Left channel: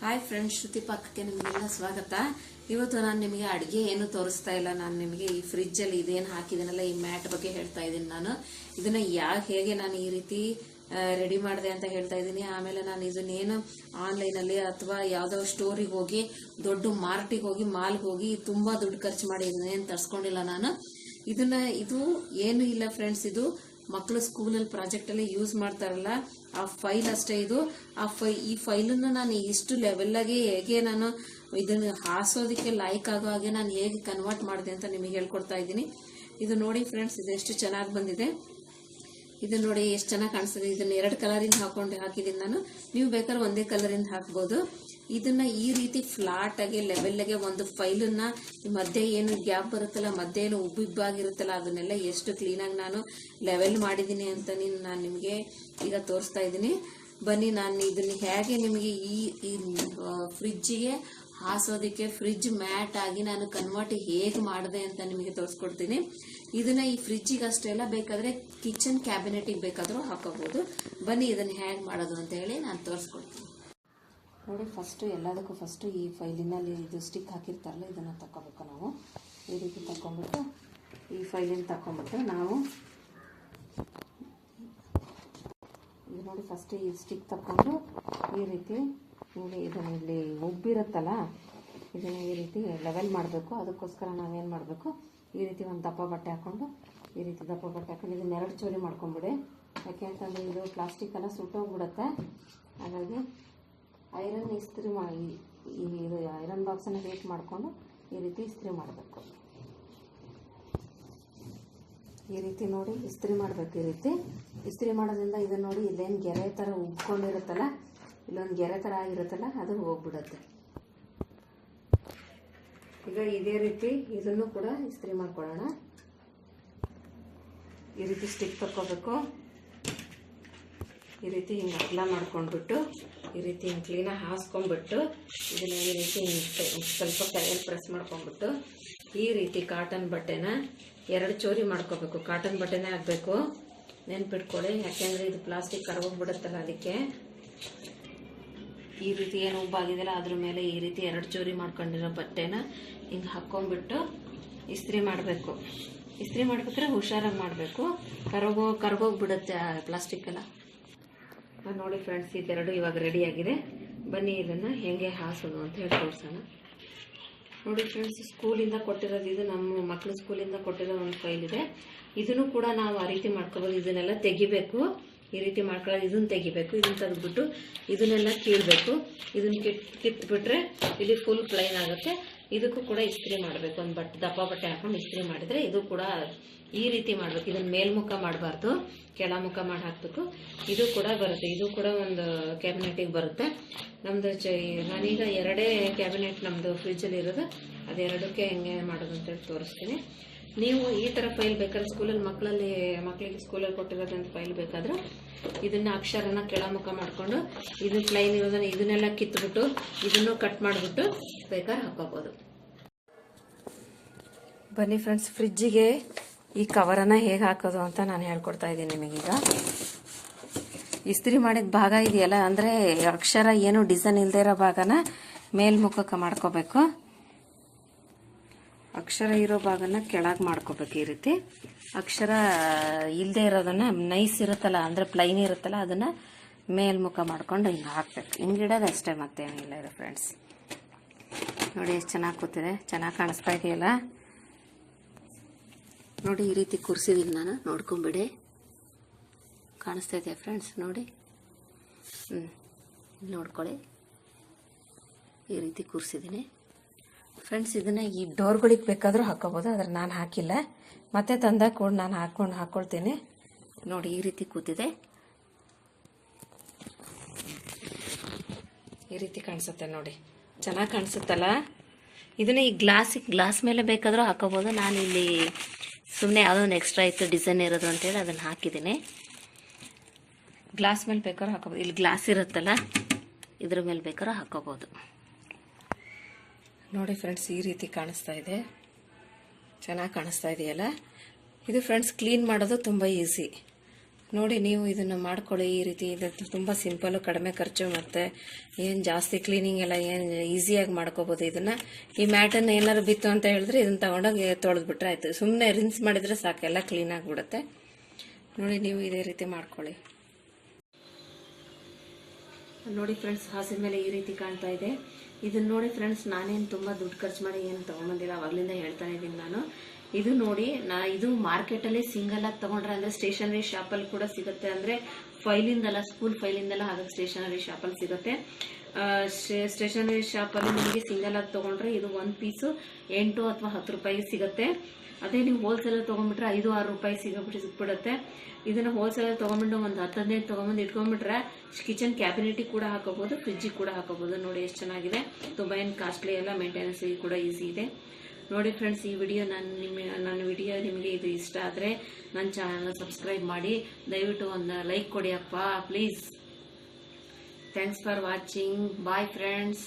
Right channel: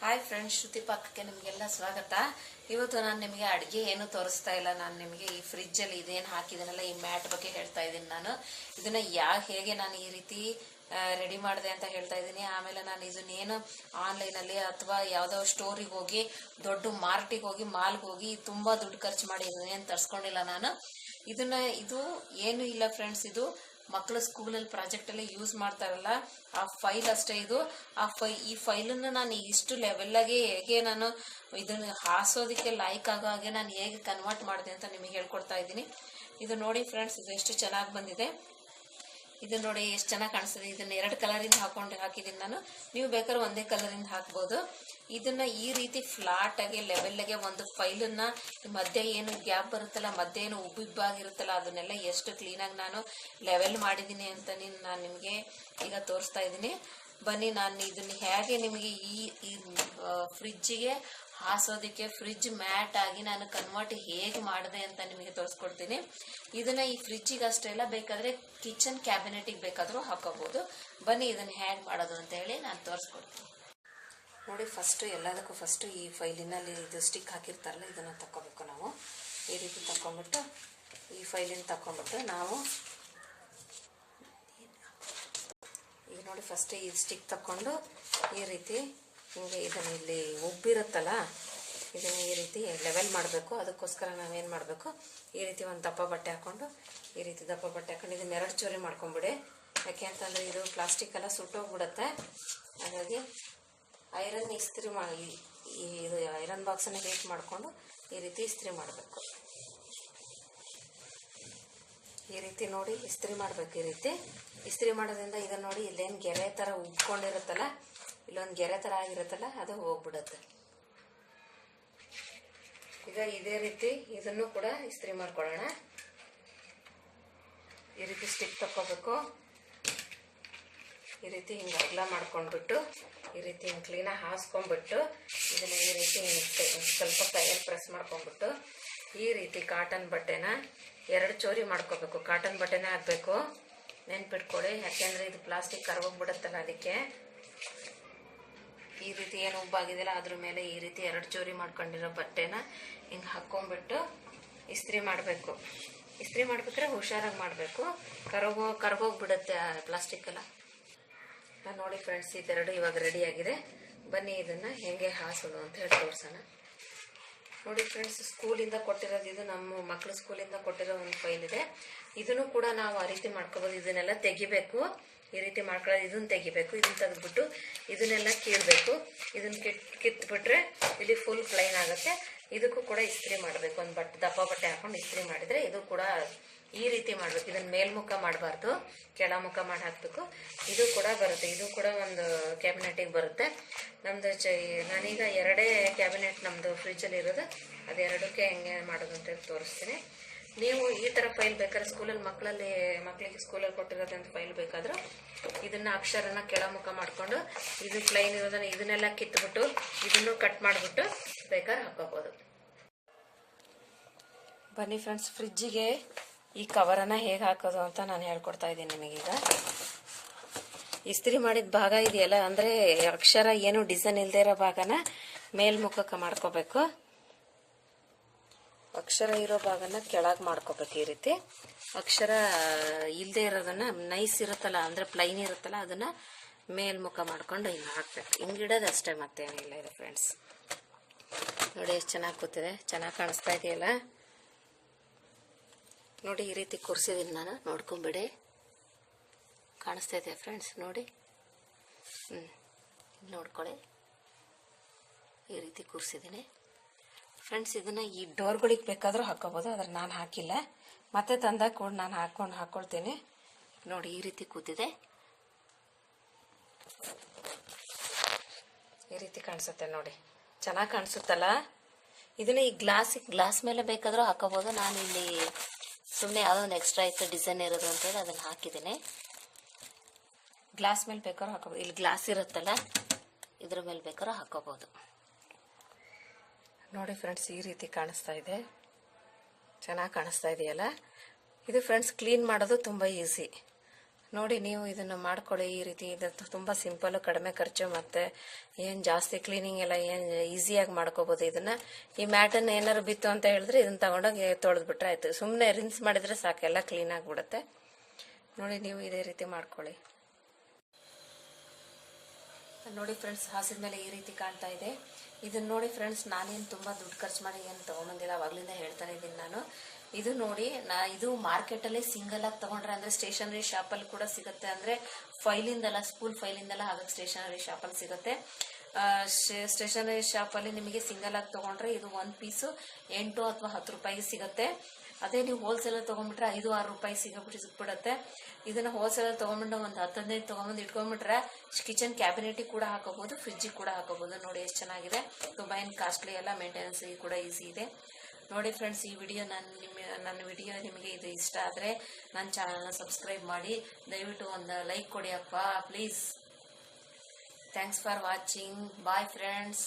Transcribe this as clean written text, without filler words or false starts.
Hi friends, ಶ್ರುತಿ ಪಾಕಕ್ಕೆ ನಿಮಗೆಲ್ಲ ಸ್ವಾಗತ. ಇವತ್ತು ನಾನು ನಿಮಗೆ ಅಡುಗೆ ಏನು ತೋರಿಸ್ತಾ ಇಲ್ಲ. ನಾನು ನಿಮಗೆ ಈ ಫ್ರಿಜ್ಜಲ್ಲಿ ಇದೇನು ಹಾಕಿದ್ದೀನಲ್ಲ, ಈ ಮ್ಯಾಟ್ ಬಗ್ಗೆ ಹೇಳ್ತಾ ಇದ್ದೀನಿ. ನಾನು ಇದನ್ನ ಹೇಗೆ ನಾನು ಈ ರೀತಿ ರೆಡಿ ಮಾಡಿದೆ ಅಂತ ಹೇಳ್ತಾ ಇದ್ದೀನಿ. ಆಮೇಲೆ ನಾನು ಇದನ್ನೇನು ಆನ್ಲೈನಲ್ಲಿ ಅಥವಾ ಯಾವುದೋ ಸ್ಟೋರಿಗೆ ಹೋಗಿ ದೊಡ್ಡ ಮಾರ್ಟಿಗೆ ಹೋಗಿ ಮಾಲ್ಗೆ ಹೋಗಿ ತುಂಬ ದುಡ್ಡು ಖರ್ಚು ಮಾಡಿ ಇದನ್ನೇನು ತರಿಸ್ಕೊಂಡಿಲ್ಲ ನಾನು. ಇದು ಏನು ಇಲ್ಲ ಫ್ರೆಂಡ್ಸ್, ಇದು ಮಕ್ಕಳು ಸ್ಕೂಲಲ್ಲಿ ಪ್ರಾಜೆಕ್ಟಲ್ಲಿ ಯೂಸ್ ಮಾಡ್ತಾರಲ್ಲ ಆ ಫೈಲ್ ಅಷ್ಟೇ ಇದು. ಈ ಫೈಲನ್ನು ನಾನು ಇಷ್ಟು ಲೆವೆಲ್ಲಾಗಿ ಹೇಗೆ ನಾನು ಇದನ್ನು ಹಾಸೋದಕ್ಕೆ ಲೈಕ್ ಆಗೋ ಹಾಗೆ ನಾನು ಹೇಗೆ ಕನ್ವರ್ಟ್ ಮಾಡಿದೆ ಅಂತ ನಿಮಗೆ ಹೇಳ್ಕೊಡ್ತಾ ಇದ್ದೀನಿ. ಇದು ನೋಡಿ ಫ್ರೆಂಡ್ಸ್, ಇದು ಎಷ್ಟು ಚೆನ್ನಾಗಿ ಬಂದಿದೆ. ಇದು ನೋಡಿ ಎಷ್ಟು ಚೆನ್ನಾಗಿ ಕಾಣಿಸ್ತದೆ. ಇದನ್ನ 2 ಕಲರಿಂದ ಹಾಕಿದ್ದೀನಿ ನಾನು. ನೀವು ಬೇಕಾದ್ರೆ ಒಂದೇ ಕಲರಿಂದ ಹಾಕ್ಬೋದು. ಇದನ್ನ ಈ ರೀತಿ ಫ್ಲಾಟ್ ಆಗಿ ಲೆವೆಲ್ಗೆ ಒಂದು ಫೈಲನ್ನ ಮಧ್ಯೆ ಏನು ಗ್ಯಾಪ್ ಬರುತ್ತಲ್ಲ, ಮಧ್ಯೆ ಏನು ಉಬ್ಬಿಬ್ಬಾಗಿರುತ್ತಲ್ಲ, ಅದನ್ನೆಲ್ಲ ಎಷ್ಟು ಕ್ಲೀನಾಗಿ ನಾನು ಲೆವೆಲ್ ಮಾಡಿದ್ದೀನಿ ಅಂತ ನಾನು ನಿಮಗೆ ಈಗ ತೋರಿಸ್ತಾ ಇದ್ದೀನಿ. ಬನ್ನಿ, ನಾನು ಇದನ್ನ ಹೇಗೆ ನಿಮಗೆ ಈ ಫ್ರಿಜ್ಜಿಗೆ ಹಾಸೋದಕ್ಕೆ ಫ್ರಿಜ್ ಮ್ಯಾಟ್ ಆಗಿ ನಾನು ಕನ್ವರ್ಟ್ ಹೇಗೆ ಮಾಡಿದೆ ಅಂತ ನಿಮಗೆ ತೋರಿಸ್ಕೊಡ್ತೀನಿ. ಇದನ್ನ ಈ ಫ್ರಿಜ್ಜಿಗೆ ಅಷ್ಟೇ ಅಲ್ಲ, ಬೇಕಾದ್ರೆ ಕಿಚನ್ ಕ್ಯಾಬಿನೆಟಿಗೆ ಬೇಕಾದರೂ ಹಾಕೋಬಹುದು. ಬನ್ನಿ ಇದನ್ನ ಹೇಗೆ ಮಾಡೋದು ಅಂತ ಹೇಳಿ ನಾನು ತೋರಿಸ್ಕೊಡ್ತೀನಿ. ನೋಡಿ, ಎಲ್ಲದಕ್ಕೂ ಫಸ್ಟು ಈ ಫೈಲಿನಲ್ಲಿ ಇದು ಸ್ಟಿಕ್ ಹಾಕಿರ್ತಾರಲ್ಲ, ಇದನ್ನು ತಗೋಬೇಕು ನಾವು. ಈ ರೀತಿ ತಗೊಂಡ್ಬಿಟ್ಟು ಈ ಫೈಲಿನ ತಗೊಂಡ್ಬಿಟ್ಟು ನಾವು ಈಗ ನೋಡಿ ಫಸ್ಟ್ ಈ ಸ್ಟಿಕ್ ತಗೊಂಡು ಈ ರೀತಿ ಹಿಂಗೆ ಇದನ್ನು ಇಲ್ಲಿ ಉಬ್ಬಿರುತ್ತಲ್ಲ, ಇದನ್ನು ಈ ರೀತಿ ಲೆವೆಲ್ ಮಾಡಬೇಕು. ಅದಕ್ಕೋಸ್ಕರ ನಾವೇನು ಮಾಡಬೇಕು, ಈ ರೀತಿ ಒಂದು ದಪ್ಪ ಬಟ್ಟೆ ಹಾಕ್ಕೊಂಡು ಇದನ್ನ 2 ಚೂರಿ ಮಾಡ್ಕೊಂಬಿಡಿ. ಯಾಕೆ ಅಂತಂದರೆ ಇದು ಪ್ಲಾಸ್ಟಿಕ್ ಎಲ್ಲ ಸುಟ್ಟೋಗ್ಬಿಡುತ್ತೆ. ಹಾಗಾಗಿ ಐರನ್ ಇಸ್ತ್ರಿ ಇದು ಐರನ್ ಬಾಕ್ಸನ್ನು ಹೀಟ್ ಮಾಡಿಕೊಂಡು ಈ ರೀತಿ ಇಸ್ತ್ರಿ ಮಾಡಬೇಕು. ಈ ರೀತಿ ನೋಡಿ ಇಸ್ತ್ರಿ ಮಾಡಬೇಕು. ಈ ರೀತಿ ಇಸ್ತ್ರಿ ಮಾಡೋದ್ರಿಂದ ಇದನ್ನು ನೋಡಿ, ಇಲ್ಲೇನು ಗೆರೆ ಥರ ಉಬ್ಕೊಂಡಿರುತ್ತಲ್ಲ, ಇಲ್ಲೊಂದು ಗೆರೆ ಥರ ಆಗಿರುತ್ತಲ್ಲ, ಅದು ಹೋಗ್ಬಿಡುತ್ತೆ. ಈಗ ಇದೇ ರೀತಿ ಇದನ್ನು ಕೂಡ ಇಸ್ತ್ರಿ ಮಾಡ್ಕೊಳ್ಳೋಣ. ಈ ರೀತಿ ಸ್ಟಿಕ್ ತಕ್ಕೋಬೇಕು. ಈ ರೀತಿ ಹಿಂಗೆ ಅಗಲ ಮಾಡ್ಕೊಂಡ್ಬಿಟ್ಟು ಈ ರೀತಿ ಹಿಂಗೆ ಕ್ಲೀನಾಗಿ ಹಾಸ್ಕೊಂಡ್ಬಿಟ್ಟು ಇದನ್ನು ಈ ರೀತಿ ಸ್ವಲ್ಪ ಕೈಯಲ್ಲಿ ಪ್ರೆಸ್ ಮಾಡ್ಕೊಂಡ್ಬಿಟ್ಟು ಈ ರೀತಿ ಕಾಟನ್ ಬಟ್ಟೆನ 2 ಚೂರಿ ಮಾಡ್ಕೋಬೇಕು. ಕಾಟನ್ ಬಟ್ಟೆನೇ ಹಾಕಬೇಕು, ನೆನ್ಪಿಟ್ಕೊಳ್ಳಿ. ಯಾಕೆಂದರೆ ಇದು ಪ್ಲಾಸ್ಟಿಕ್ ಕರ್ಗೋಗ್ಬಿಡುತ್ತಲ್ಲ, ಅದಕ್ಕೆ ಈ ರೀತಿ ಏನು ಉಬ್ಬಾಗಿದೆಯಲ್ಲ ಅದ್ರ ಮೇಲೆ ಈ ರೀತಿ 2 ಚೂರಿ ಮಾಡ್ಕೊಂಡಿರೋ ಬಟ್ಟೆನ ಹಿಂಗೆ ಹಾಕ್ಕೊಂಡ್ಬಿಟ್ಟು ಇಸ್ತ್ರಿ ಮಾಡಬೇಕು. ಇಸ್ತ್ರಿ ಮಾಡ್ಬೇಕಾದ್ರೆ ಹುಷಾರಾಗಿ ಮಾಡಬೇಕು, ಕರ್ಗೋಗ್ಬಿಡುತ್ತೆ ಪ್ಲಾಸ್ಟಿಕ್ಕೆಲ್ಲ. ನೋಡಿ ಫ್ರೆಂಡ್ಸ್, ಇದೆರಡು ಇವಾಗ ರೆಡಿಯಾಗಿದೆ. ಬನ್ನಿ ಇದನ್ನು ಹೇಗೆ ಹಾಸೋದು ಅಂತ ಹೇಳಿ ತೋರಿಸೋಣ. ನೋಡಿ ಫ್ರೆಂಡ್ಸ್, ಸ್ಕೂಲಿಂದ ಕೊಟ್ಟಿರೋದು ಇದು. ನಮ್ಮ ಮಕ್ಕಳು ಸ್ಕೂಲಿಂದ ಕೊಟ್ಟಿರೋ ಒಂದು ಫೈಲ್ ಇದೆ. ಇದನ್ನು ಕೂಡ ನಾವು ಆ ರೀತಿ ಮಾಡ್ಕೋಬೋದು. ಇದನ್ನೆಲ್ಲ ತೆಗಿಬೇಕು. ಈ ರೀತಿ ಮಾಡ್ಕೊಳ್ಳೋದು, ಇದನ್ನು ತೆಗಿಬೇಕು. ಇದನ್ನು ತೆಗೆದ್ಬಿಟ್ಟು ಇದನ್ನೆಲ್ಲ ಕೀಳಬೇಕು. ಇದನ್ನು ಕಿತ್ಬಿಟ್ರೆ ಇಲ್ಲಿ ಫುಲ್ ಪ್ಲೈನ್ ಆಗುತ್ತೆ. ಇದಕ್ಕೂ ಕೂಡ ಇಸ್ತ್ರಿ ಮಾಡಬೇಕು. ಒಂದು ದಪ್ಪ ಬಟ್ಟೆ ಹಾಕೊಂಡು ಇಸ್ತ್ರಿ ಮಾಡಿದರೆ ಇದು ಕೂಡ ಈ ರೀತಿ ಮಾಡಬೇಕು. ಇದನ್ನು ಮೇಲ್ಮುಖ ಮಾಡಬಾರ್ದು, ಕೆಳಮುಖ ಮಾಡಿ ಹಾಕಬೇಕು. ಇದು ಕೂಡ ಬರುತ್ತೆ. ಇದು ಕೂಡ ಒಂದು ಕ್ಯಾಬಿನೆಟಿಗೆ ಬರುತ್ತೆ. ನಮ್ಮದು ನಾನೀಗ 2 ಕ್ಯಾಬಿನೆಟ್ ನಮ್ಮದು ಫ್ರಿಜ್ಜಲ್ಲಿ ಇರೋದು. ಅದೆರಡಕ್ಕೆ ಹೆಂಗೆ ಮಾಡೋದು ಅಂತೇಳಿ ತೋರಿಸ್ತೀನಿ. ನೀವು ಈ ಥರ ಫೈಲ್ ಬೇಕಾದ್ರೆ ಸ್ಕೂಲಲ್ಲಿ ಮಕ್ಕಳಿಗೆ ಸ್ಕೂಲಲ್ಲಿ ಕೊಟ್ಟಿರೋದಂಥ ಫೈಲ್ ಬೇಕಾದರೂ ಇದನ್ನು ಅಕ್ಷರನ ಕೆಳಮುಖ ಮಾಡಿಕೊಂಡು ಇದು ಪ್ಲೈನ್ ಇರೋದನ್ನು ಇದನ್ನೆಲ್ಲ ಕಿತ್ಬಿಟ್ಟು ಇದನ್ನು ಕಟ್ ಮಾಡಿಬಿಟ್ಟು ಬೇಕಾದ್ರೆ ಹಾಕೋಬೋದು. ಬನ್ನಿ ಫ್ರೆಂಡ್ಸ್, ಫ್ರಿಜ್ಜಿಗೆ ಈ ಕವರನ್ನು ಹೇಗೆ ಹಾಕೋದು ಅಂತ ನಾನು ಹೇಳ್ಕೊಡ್ತಾ ಇದ್ದೀನಿ ನಿಮಗೀಗ. ಇಸ್ತ್ರಿ ಮಾಡಿದ ಭಾಗ ಇದೆಯಲ್ಲ, ಅಂದರೆ ಅಕ್ಷರ ಏನು ಡಿಸೈನ್ ಇಲ್ಲದೆ ಇರೋ ಭಾಗನ ಮೇಲ್ಮುಖಕ್ಕೆ ಮಾಡ್ಕೋಬೇಕು. ಅಕ್ಷರ ಇರೋ ಭಾಗನ ಕೆಳಗೆ ಮಾಡ್ಕೋಬೇಕು. ಈ ರೀತಿ ಅಕ್ಷರ ಇಲ್ಲದೆ ಇರೋದನ್ನು ನೈಸ್ ಇರುತ್ತಲ್ಲ, ಅಂದರೆ ಪ್ಲೈನ್ ಇರುತ್ತಲ್ಲ, ಅದನ್ನು ಮೇಲ್ಮುಖ ಮಾಡ್ಕೊಂಡು ಹಿಂಗೆ ಹಾಕ್ಬೇಕು. ಹಿಂಗಿಡೋದು ಅಷ್ಟೇ, ಮತ್ತೇನಿಲ್ಲ ಇದು ಫ್ರೆಂಡ್ಸ್. ನೋಡಿ ಎಷ್ಟು ಚೆನ್ನಾಗಿ ಕೂತಿದೆ, ಚೆನ್ನಾಗಿ ಕಾಣಿಸ್ತಾ ಇದೆಯಲ್ಲ. ನೋಡಿ ಈ ರೀತಿ ಕೂರಿಸಿದ್ದೀನಿ ನಾನು, ನೋಡ್ಕೊಂಬಿಡಿ. ಕಾಣಿಸ್ತಾ ಇದೆಯಾ ಫ್ರೆಂಡ್ಸ್? ನೋಡಿ, ನೋಡ್ಕೊಳ್ಳಿ. ಈ ರೀತಿ ಕೂರಿಸಿದ್ದೀನಿ ಫ್ರೆಂಡ್ಸ್. ಇದನ್ನು ಈ ಡೋರ್ಗಳಿಗೆ ಬೇಕಾದರೂ ಹಾಕೋಬೋದು, ಆದರೆ ನಾನು ಹಾಕಿಲ್ಲ. ಮತ್ತೆ ತಂದಾಗ ಕೂಡ ನಾನು ಹಾಕ್ಕೊಳ್ತೀನಿ. ನೋಡಿ ಈ ರೀತಿ ಕೂತಿದೆ. ಈ ರೀತಿ ಕಾಣಿಸುತ್ತೆ ನೋಡಿ, ಚೆನ್ನಾಗಿ ಕಾಣಿಸುತ್ತಲ್ಲ. ಇದನ್ನು ಈ ಗ್ಲಾಸ್ ಮೇಲೆ ಬೇಕಾದರೂ ಹಾಕೋಬೋದು. ನಾನು ಇಲ್ಲಿ ಸುಮ್ಮನೆ ಯಾವುದೋ ಒಂದು ಎಕ್ಸ್ಟ್ರಾ ಇತ್ತು ಡಿಸೈನ್ ಇರೋದು ಅಂತೇಳಿ ಅದನ್ನು ಹಾಕಿದ್ದೀನಿ. ಗ್ಲಾಸ್ ಮೇಲೆ ಬೇಕಾದ್ರೂ ಹಾಕೋಬೋದು. ಇಲ್ಲಿ ಗ್ಲಾಸ್ ಇರುತ್ತಲ್ಲ, ಇದ್ರ ಮೇಲೆ ಬೇಕಾದ್ರೂ ಹಾಕೋಬೋದು. ನೋಡಿ ಫ್ರೆಂಡ್ಸ್, ಈ ರೀತಿ ಕಾಣಿಸ್ತಾ ಇದೆ, ಚೆನ್ನಾಗಿ ಕಾಣಿಸ್ತಾ ಇದೆಯಲ್ಲ. ಇದು ಫ್ರೆಂಡ್ಸ್ ಕ್ಲೀನ್ ಮಾಡೋದು ತುಂಬ ಈಸಿ. ನೋಡಿ ನೀವು ಇದನ್ನು ಮಾಡ್ಕೊಳ್ಳಿ ಈ ರೀತಿ. ಇದು ತುಂಬ ಸಿಂಪಲ್ಲು, ಕಡಿಮೆ ಖರ್ಚು, ಮತ್ತು ಏನು ಜಾಸ್ತಿ ಕ್ಲೀನಿಂಗ್ ಎಲ್ಲ ಏನು ಈಸಿಯಾಗಿ ಮಾಡ್ಕೋಬೋದು ಇದನ್ನು. ಈ ಮ್ಯಾಟನ್ನು ಏನಾದ್ರು ಬಿತ್ತು ಅಂತ ಹೇಳಿದ್ರೆ ಇದನ್ನು ತಗೊಂಡೋಗಿ ತೊಳೆದ್ಬಿಟ್ರೆ ಆಯಿತು. ಸುಮ್ಮನೆ ರಿನ್ಸ್ ಮಾಡಿದರೆ ಸಾಕು, ಎಲ್ಲ ಕ್ಲೀನ್ ಆಗಿಬಿಡುತ್ತೆ. ನೋಡಿ ನೀವು ಇದೇ ರೀತಿ ಮಾಡ್ಕೊಳ್ಳಿ. ನೋಡಿ ಫ್ರೆಂಡ್ಸ್, ಹಾಸಿದ ಮೇಲೆ ಈ ರೀತಿ ಕಾಣ್ತಾ ಇದೆ. ಇದನ್ನ ನೋಡಿ ಫ್ರೆಂಡ್ಸ್, ನಾನೇನು ತುಂಬ ದುಡ್ಡು ಖರ್ಚು ಮಾಡಿ ಏನು ತೊಗೊಂಬಂದಿಲ್ಲ, ಅವಾಗಲಿಂದ ಹೇಳ್ತಾನೆ ಇದ್ದೀನಿ ನಾನು. ಇದು ನೋಡಿ, ಇದು ಮಾರ್ಕೆಟಲ್ಲೇ ಸಿಂಗಲ್ ಆಗಿ ತೊಗೊಂಡ್ರೆ, ಅಂದರೆ ಸ್ಟೇಷನರಿ ಶಾಪಲ್ಲಿ ಕೂಡ ಸಿಗುತ್ತೆ, ಅಂದರೆ ಫೈಲಿಂದಲ್ಲ, ಸ್ಕೂಲ್ ಫೈಲಿಂದಲ್ಲ, ಹಾಗಾಗಿ ಸ್ಟೇಷನರಿ ಶಾಪಲ್ಲಿ ಸಿಗುತ್ತೆ. ಸ್ಟೇಷನರಿ ಶಾಪಲ್ಲಿ ನಿಮಗೆ ಸಿಂಗಲ್ ಆಗಿ ತೊಗೊಂಡ್ರೆ ಇದು ಒಂದು ಪೀಸು 8 ಅಥವಾ 10 ರೂಪಾಯಿ ಸಿಗುತ್ತೆ. ಅದೇ ನೀವು ಹೋಲ್ಸೇಲಲ್ಲಿ ತೊಗೊಂಡ್ಬಿಟ್ರೆ 5-6 ರೂಪಾಯಿ ಸಿಕ್ಬಿಡುತ್ತೆ. ಇದನ್ನು ಹೋಲ್ಸೇಲಲ್ಲಿ ತೊಗೊಂಡ್ಬಿಟ್ಟು ಒಂದು 10-15 ತೊಗೊಂಬಂದು ಇಟ್ಕೊಂಡ್ಬಿಟ್ರೆ ಕಿಚನ್ ಕ್ಯಾಬಿನೆಟಿಗೆ ಕೂಡ ಹಾಕೋಬೋದು, ಫ್ರಿಜ್ಜಿಗೆ ಕೂಡ ಹಾಕೋಬೋದು. ನೋಡಿ ಎಷ್ಟು ಚೆನ್ನಾಗಿದೆ, ತುಂಬ ಏನು ಕಾಸ್ಟ್ಲಿ ಎಲ್ಲ, ಮೇಂಟೆನೆನ್ಸಿಗೆ ಕೂಡ ಈಸಿ ಇದೆ. ನೋಡಿ ಫ್ರೆಂಡ್ಸ್, ಈ ವಿಡಿಯೋ ನನ್ನ ವಿಡಿಯೋ ನಿಮಗೆ ಇದು ಇಷ್ಟ ಆದರೆ ನನ್ನ ಚಾನಲ್ನ ಸಬ್ಸ್ಕ್ರೈಬ್ ಮಾಡಿ, ದಯವಿಟ್ಟು ಒಂದು ಲೈಕ್ ಕೊಡಿ ಅಪ್ಪ please. Thanks for watching. Bye friends.